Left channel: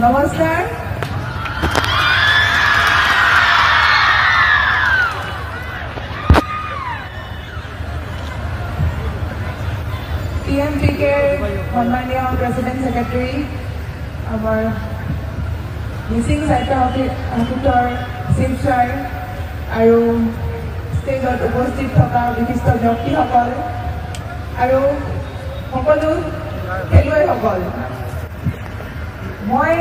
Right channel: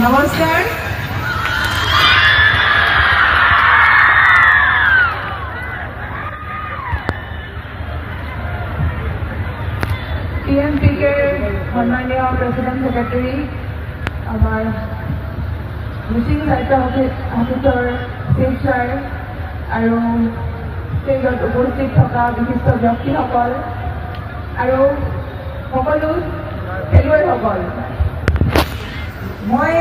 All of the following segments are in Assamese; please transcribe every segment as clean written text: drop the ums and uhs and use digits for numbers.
নমস্কাৰ। TMPKৰ সন্মানীয় প্ৰেচিডেণ্ট ছেক্ৰেটাৰী, আমাৰ মিচিং সাহিত্য সমিতিৰ চিফ ছাৰ আৰু ষ্টেজত উপস্থিত থকা বিশিষ্ট ব্যক্তিসকল আৰু সকলো খেলুৱৈসকল, মই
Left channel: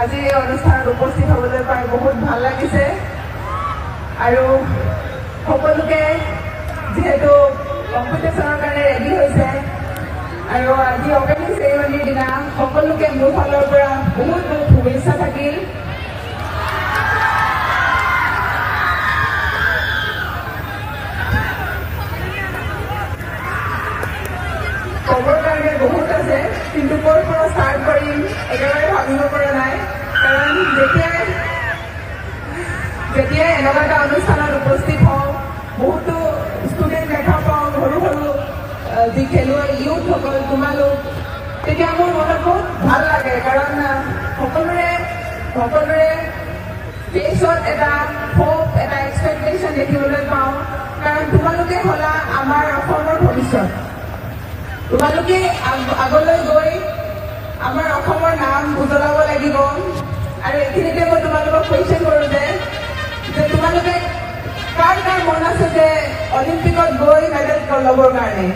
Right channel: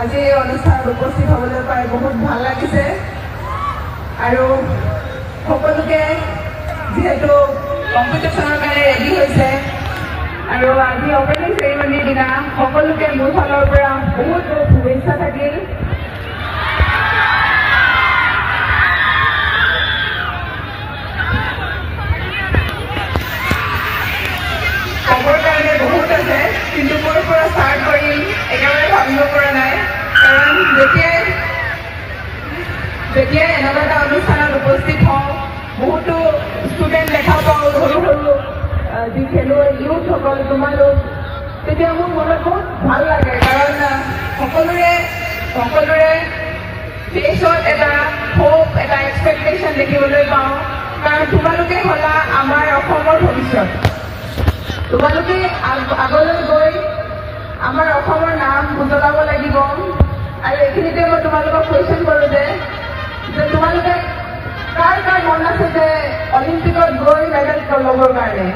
আজি এই অনুষ্ঠানত উপস্থিত হ'বলৈ পাই বহুত ভাল লাগিছে আৰু সকলোকে যিহেতু কম্পিটিশ্যনৰ কাৰণে ৰেডি হৈছে আৰু আজি অপেনিং চেৰিমনিৰ দিনা সকলোকে মোৰ ফালৰ পৰা বহুত বহুত শুভেচ্ছা থাকিল। ক'বৰ কাৰণে বহুত আছে, কিন্তু ক'ৰ পৰা ষ্টাৰ্ট কৰিম একেবাৰে ভাবিব পৰা নাই, কাৰণ যেতিয়াই এনেকুৱা এটা অনুষ্ঠানত উপস্থিত হওঁ বহুতো ষ্টুডেণ্ট দেখা পাওঁ, সৰু সৰু যি খেলুৱৈ ইউথসকল তোমালোক, তেতিয়া মোৰ মনত বহুত ভাল লাগে, কাৰণ সকলোৰে ফেচত এটা হোপ, এটা এক্সপেক্টেশ্যন দেখিবলৈ পাওঁ, কাৰণ তোমালোকে হ'লা আমাৰ অসমৰ ভৱিষ্যত। তোমালোকে আগলৈ গৈ আমাৰ অসমৰ নাম উজ্বলাব লাগিব। আৰু এইখিনিতে মই তোমালোকক কুৱেশ্যন কৰোঁ যে তোমালোকে কাৰ কাৰ মন আছে যে অলিম্পিকত গৈ মেডেল ল'বৰ কাৰণে?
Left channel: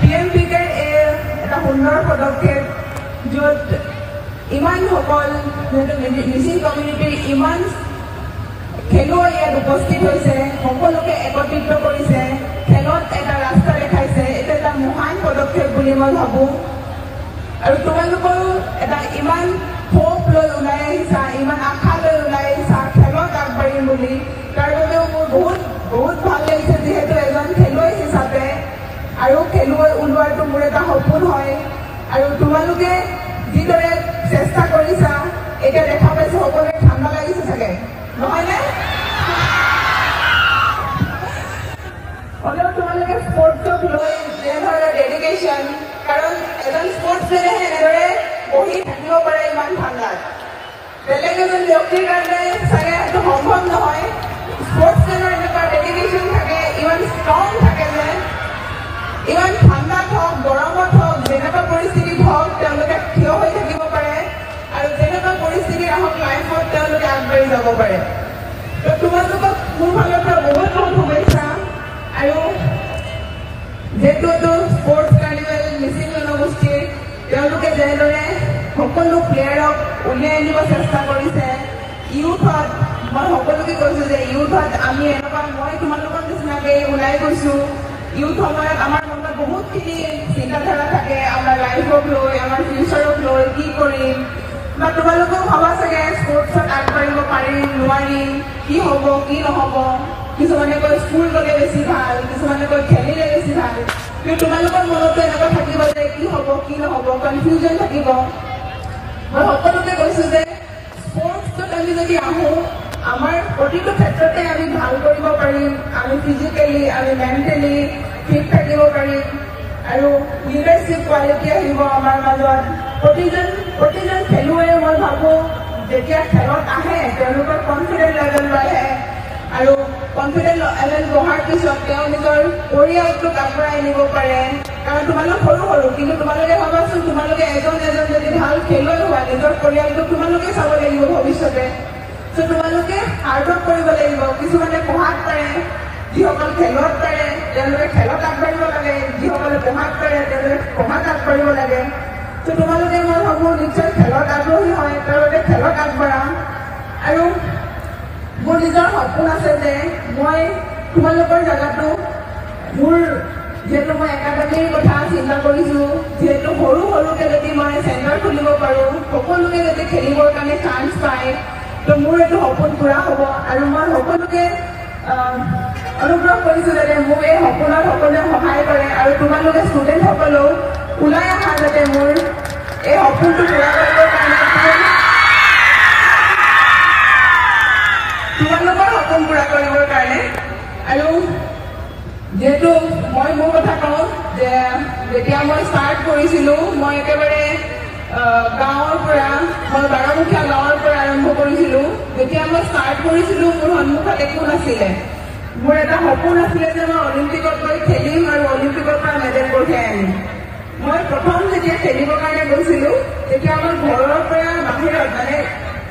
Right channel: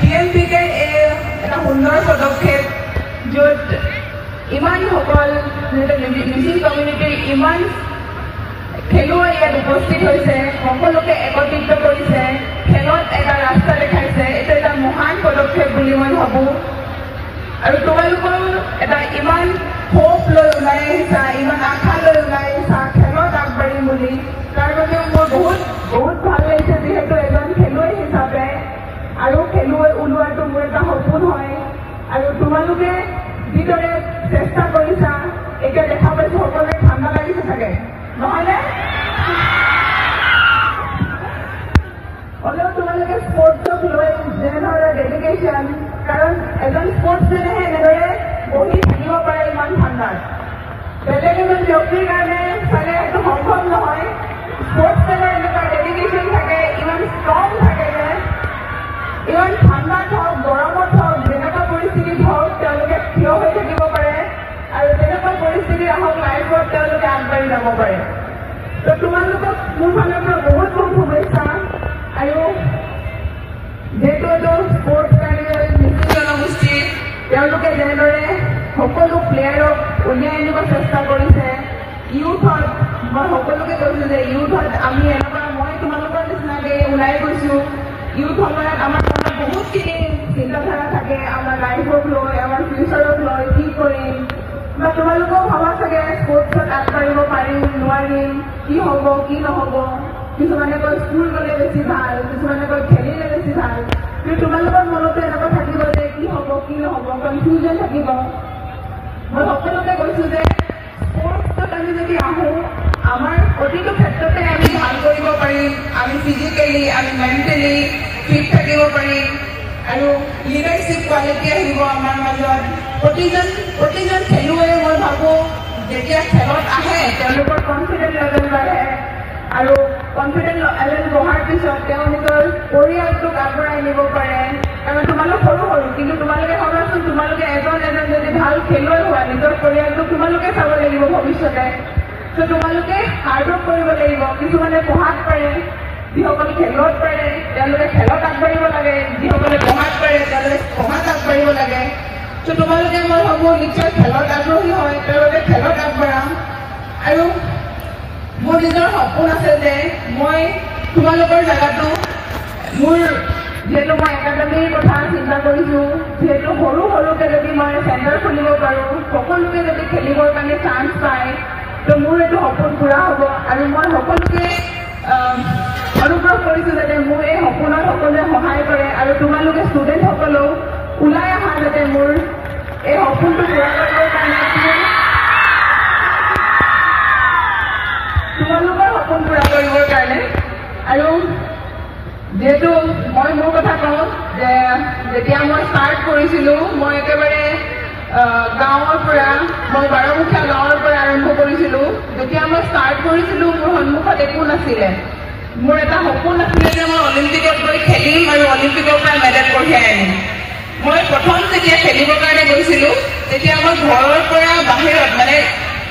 TMPKৰ এটা সুন্দৰ পদক্ষেপ, য'ত ইমানসকল মিচিং কমিউনিটিৰ ইমান খেলুৱৈ ইয়াত উপস্থিত হৈছে, সকলোকে একত্ৰিত কৰিছে, খেলত এটা ৰাস্তা দেখাইছে। এইটো এটা মহান পদক্ষেপ বুলি মই ভাবোঁ। আৰু তোমালোকৰ এটা ইমান হোপ লৈ ওলাই আহিছা, ইমান আশা লৈ ওলাই আহিছা খেলত আগবাঢ়িম বুলি, তাৰ বাবেও মোৰ বহুত বহুত ভাল লাগিছে, যিহেতু এজন খেলুৱৈ হিচাপে। আৰু খেলুৱৈ ওলোৱাটো মোৰ এটা সপোন হয়। আৰু তোমালোকে যিদৰে চেষ্টা কৰিছা, এতিয়া দেখা পাইছোঁ সকলোৱে ঠাণ্ডা লাগিছে চাগে, নহয়নে? হ'লেও তোমালোকে স্পৰ্টছক লৈ যেনেধৰণে ডেডিকেশ্যন, কাৰণ এজন স্পৰ্টছমেনেহে এনেদৰে বহি থাকিব পাৰে ইমান ঠাণ্ডাত। বেলেগ এজন ব্যক্তিৰ কাৰণে চাগে সেইটো সম্ভৱ নহয়। স্পৰ্টছমেনৰ এনেকুৱা ডেডিকেশ্যন থাকে, ইমান ষ্ট্ৰং থাকে যে ইমান ঠাণ্ডাত হওক, গৰমত হওক, যেনেকুৱা পৰিস্থিতিত হওক তেওঁলোকে থিয় হৈ থাকিব পাৰে আৰু যেনেকুৱা পৰিস্থিতি আহক লাইফত তেওঁলোকে আগবাঢ়ি যাব পাৰে। তো তোমালোকক মোৰ ফালৰ পৰা বহুত বহুত শুভেচ্ছা। আৰু যিহেতু এইটো স্পৰ্টছ কাৰ্নিভেল মিচিং জনগোষ্ঠীৰ, তেওঁলোকে যেনেদৰে সকলো প্লেয়াৰক উলিয়াই আনিব চেষ্টা কৰিছে, ইউথত মই সকলোকে কৈছোঁ যে ইউথত আমি এনেকুৱা, মই তোমালোকৰ নিচিনাকৈ ওলাই গৈছোঁ। ইউথ সময়ত আমাৰ মনত বহুতখিনি চিন্তাধাৰা থাকে, আমাৰ লাইফক লৈ, আমাৰ ফিউচাৰক লৈ, কি কৰিম, বা তোমালোকেও ভাবা চাগে স্পৰ্টছত আগবাঢ়িব পাৰিম নোৱাৰিম, কি হ'ব কি নহ'ব। কিছুমানে কয় স্কুল গ'লে বেছি ভাল, কিছুমানে কয় খেলিলে বেছি ভাল, কিন্তু তোমালোকৰ মনতো এনেকুৱা থাকিব যে কি হ'ব কি নহ'ব, কনফিউজন থাকিব। মই সকলোকে কৈছোঁ যে স্পৰ্টছত আমি যদি আহোঁ, আমাৰ প্ৰতিটো ক্ষেত্ৰতে আমি ভাল কৰিব পাৰিম। আমি ফিজিকেলি, আমি মেণ্টেলি ফিট থাকিব পাৰিম আৰু লিডাৰশ্বিপ কোৱালিটি আহিব আমাৰ মাজত। প্ৰতিজন খেলুৱৈয়ে মই ভাবোঁ যেতিয়া খেলত আহে তেওঁলোকৰ কনফিডেন্ট লেভেল বাঢ়ে আৰু কনফিডেন্ট লেভেল বঢ়াৰ পিছত তেওঁ নিজৰ পৰিয়ালটোক আগবঢ়াই নিব পাৰে। কাৰণ তোমালোক সৰু সৰু, কিন্তু তোমালোকে ভাবাচোন, তোমালোকে এজন যদি ভাল খেলুৱৈ হোৱা, নিজৰ পৰিয়ালটোক তোমালোকে চাব লাগিব ভৱিষ্যতে। চ' তোমালোকে হাৰ্ডৱৰ্ক কৰিব লাগিব। কিছুমানে পঢ়াত পাৰে, যিসকল খেলত পাৰে তেওঁলোকে খেলত আগবাঢ়িব লাগে, যিসকলে পঢ়াত পাৰে তেওঁলোকে পঢ়াত আগবাঢ়িব লাগে। চ' তোমালোকে মই ভাবোঁ নিশ্চয় খেলত আগ্ৰহী হয়, তেওঁলোকে খেলত আগবাঢ়া। আৰু মোৰ নিজৰ সপোন আছে যে মই তোমালোকৰ জেগাটো, মোৰ যিহেতু মই একাডেমীৰ কথা চিন্তা কৰিছোঁ, যিহেতু সৰুকৈ যদি মই চেণ্টাৰ খুলিব পাৰোঁ, সকলোকে যদি খেলিবৰ কাৰণে চান্স পায়, তো মোৰ এইটো সপোন পূৰা হ'ব। আৰু মই সকলোকে অনুগ্ৰহ কৰিছোঁ যাতে মোক এই সপোনত সকলোৱে সহায় কৰে আৰু তোমালোকে ষ্টুডেণ্টসকলেও ওলাই অহা যাতে মোৰ এই সপোনটো পূৰা কৰিবৰ কাৰণে তোমালোকৰ সপোন পূৰা কৰিবৰ কাৰণে। আৰু যেহেতু মই মোৰ কথা কওঁ যে যেতিয়া মই ষ্টাৰ্ট কৰিছিলোঁ মই একেবাৰে গাঁৱৰ পৰা মই বাৰমুখীয়া গাঁৱৰ পৰা আৰম্ভ কৰিছিলোঁ। যেতিয়া মই ষ্টাৰ্ট কৰিছিলোঁ মোৰ সন্মুখত একো নাছিলে। মোৰ এটা সপোন আছিলে যে মই অলিম্পিকত গৈ খেলিম আৰু অলিম্পিকৰ পৰা মেডেল কঢ়িয়াই আনিম। মই প্ৰথম যেতিয়া খেলিবৰ কাৰণে গৈছিলোঁ তেতিয়া মই ঘৰৰ পৰা বাহিৰত মানে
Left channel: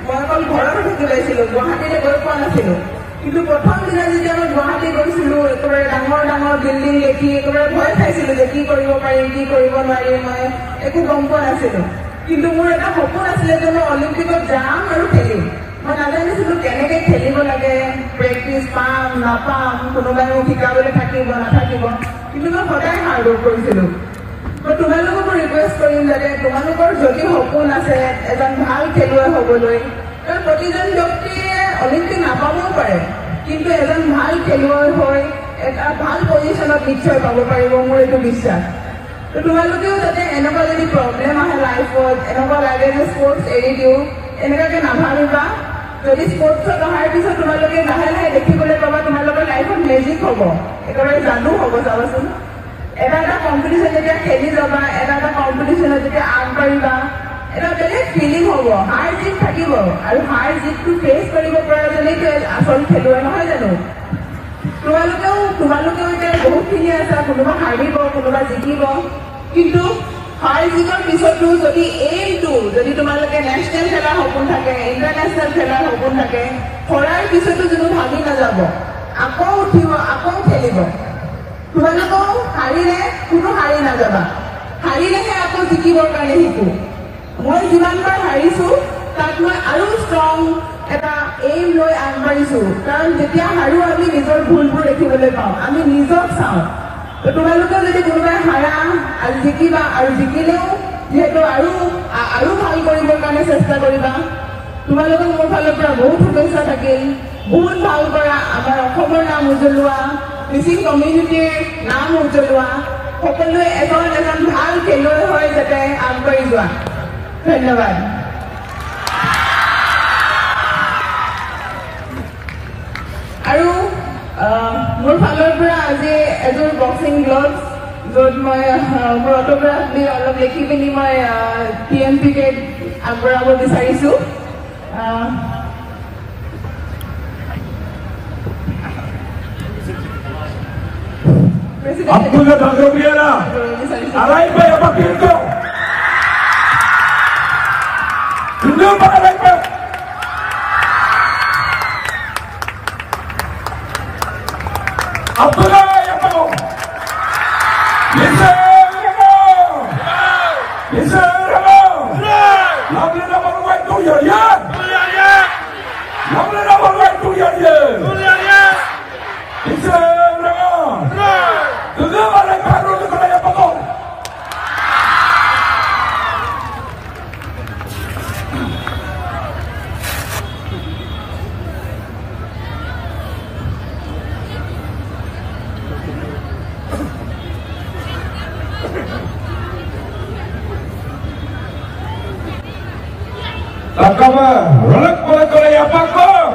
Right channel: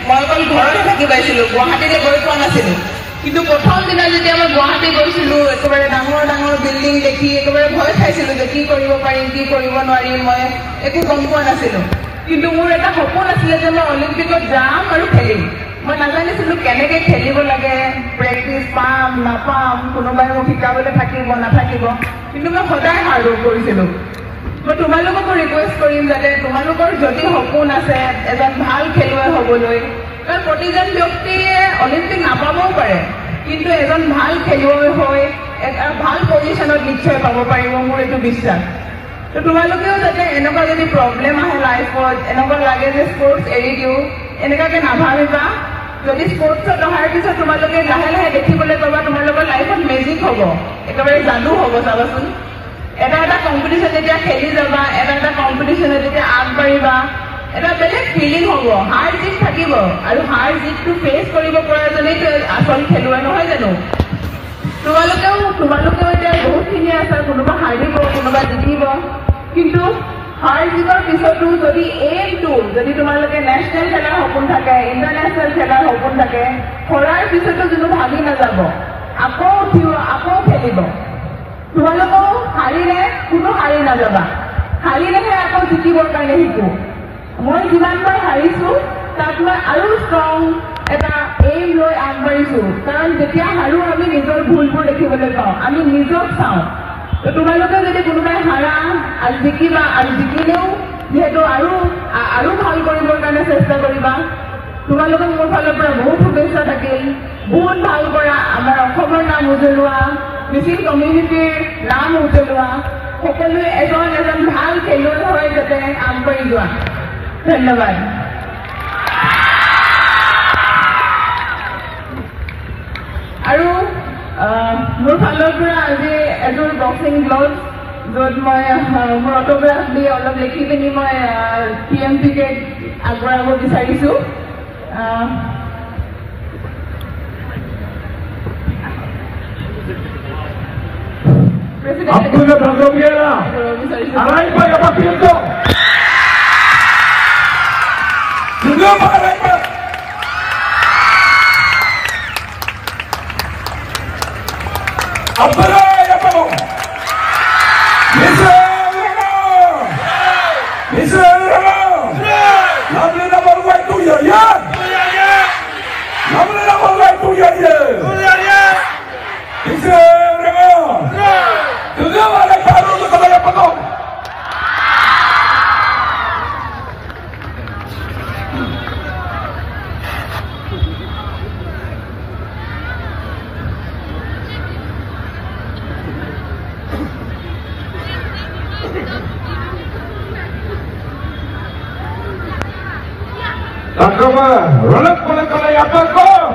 মই অকল ঘৰতে থাকি পাইছিলোঁ, গুৱাহাটীলৈ গৈ পোৱা নাছিলোঁ। কিন্তু প্ৰথম দিনা যেতিয়া মই গুৱাহাটী গৈছিলোঁ একেবাৰে ডাঙৰ ডাঙৰ বিল্ডিং দেখি একেবাৰে ভয় খাইছিলোঁ যে কি কৰিব পাৰিম কি কৰিব নোৱাৰিম, মই একো গম পোৱা নাছিলোঁ। কিন্তু মোৰ এটা সপোন আছিলে যে মই অলিম্পিকত যাম আৰু খেলিম। মই নাজানিছিলোঁ কেনেকৈ খেলিব লাগে, প্ৰেক্টিচ পাম নাপাম, কোনোবাই মোক শিকাবলৈ থাকিব নাথাকিব, কিন্তু মই সদায় হাৰ্ড ৱৰ্ক কৰিছিলোঁ। মই তোমালোককো ৰিকুৱেষ্ট কৰিম যাতে তোমালোকৰ যদি সপোন আছে এজন ভাল খেলুৱৈ হ'বলৈ, কাৰণ প্ৰতিজন ব্যক্তিয়ে অলিম্পিক নাপাবও পাৰে, কিন্তু এজন ভাল খেলুৱৈ হৈ এটা ভাল পজিশ্যনত নিশ্চয় পাব পাৰিব, মোৰ এইটো বিশ্বাস। তো তোমালোকেও যাতে এনেকুৱা যদি প্ৰব্লেম আহে লাইফত, এনেকুৱা লাগে যে স্পৰ্টছ এৰি দিওঁ, এনেকুৱাকৈ নাভাবিবা। যদি স্পৰ্টছত অহাৰ পিছত তোমালোকে লাহে লাহে দেখিবলৈ পাবা তোমালোকৰ লাইফত মেজিক হ'ব, একেবাৰে যাদু হ'ব। চাবাচোন এটা এটা কম্পিটিশ্যন যেতিয়া খেলি যাবা, এটা এটা কম্পিটিশ্যনত যেতিয়া আগবাঢ়িবা, এটা বেলেগ ফিলিং হ'ব। হাৰ জিত থাকিব আৰু হাৰ জিতটো ফেচ কৰিব পৰাজনেইতো আচল খেলুৱৈ, নহয় জানো? তোমালোকেও এতিয়া বহুতখিনি আছা, কোনোবা হাৰিব কোনোবা জিকিব, কিন্তু হাৰ জিতৰ পিছতো যদি এইমটো যদি তোমালোকে নেশ্যনেল খেলাৰ সপোন থাকে, ইণ্টাৰনেশ্যনেল খেলাৰ সপোন থাকে, হৰাৰ পিছতো যদি ভাবি নাযাব, আকৌ উঠিব আকৌ খেলিব। তোমালোকেও হাৰিলে কোনো হাৰি নাযাবা, হাৰিলেহে আকৌ জিকিবৰ কাৰণে শিকো। মই যিমানবাৰ হাৰিছোঁ তাত মই আৰু ষ্ট্ৰং এটা এইম লৈ আগবাঢ়িছোঁ, কাৰণ যেতিয়া হাৰো আমি নিজৰ ভুলবোৰ দেখিবলৈ পাওঁ, আমি নিজক চাওঁ। তো তোমালোকেও যদি কোনোবাই হাৰা আৰু জিকিবা, আৰু জিকিলেও যিহেতু আৰু ভাল কৰিবৰ কাৰণে চেষ্টা কৰিবা। তোমালোকক মোৰ ফালৰ পৰা বহুত শুভেচ্ছা থাকিল। বহুত ভাল কৰা, আমাৰ অসমৰ নাম উজ্বলোৱা, মিচিং কমিউনিটিৰ নাম উজ্বলোৱা, সকলোৱে এজন এজন ভাল খেলুৱৈ হৈ যাতে আগবাঢ়ি যোৱা। ধন্যবাদ। আৰু মোৰ ফালৰ পৰা আজি এযোৰ বক্সিং গ্লভছ, য'ত মই মোৰ অট'গ্ৰাফ দি অলপ লিখি পিনি মই PMPকে আগবঢ়াব বিচাৰিছোঁ। Abdullah Bazam Gera, Alaipa apa pintu? Tujuh apa Alaipa? Abdullah apa? Bisa Ramon, bisa Ramon. Namanya nama buat tu ya ya. Namanya nama buat tu ya ya. Bisa Ramon. Tujuh balik baru tu kalau yang potong. Takama, rolak bola kalau yang potong.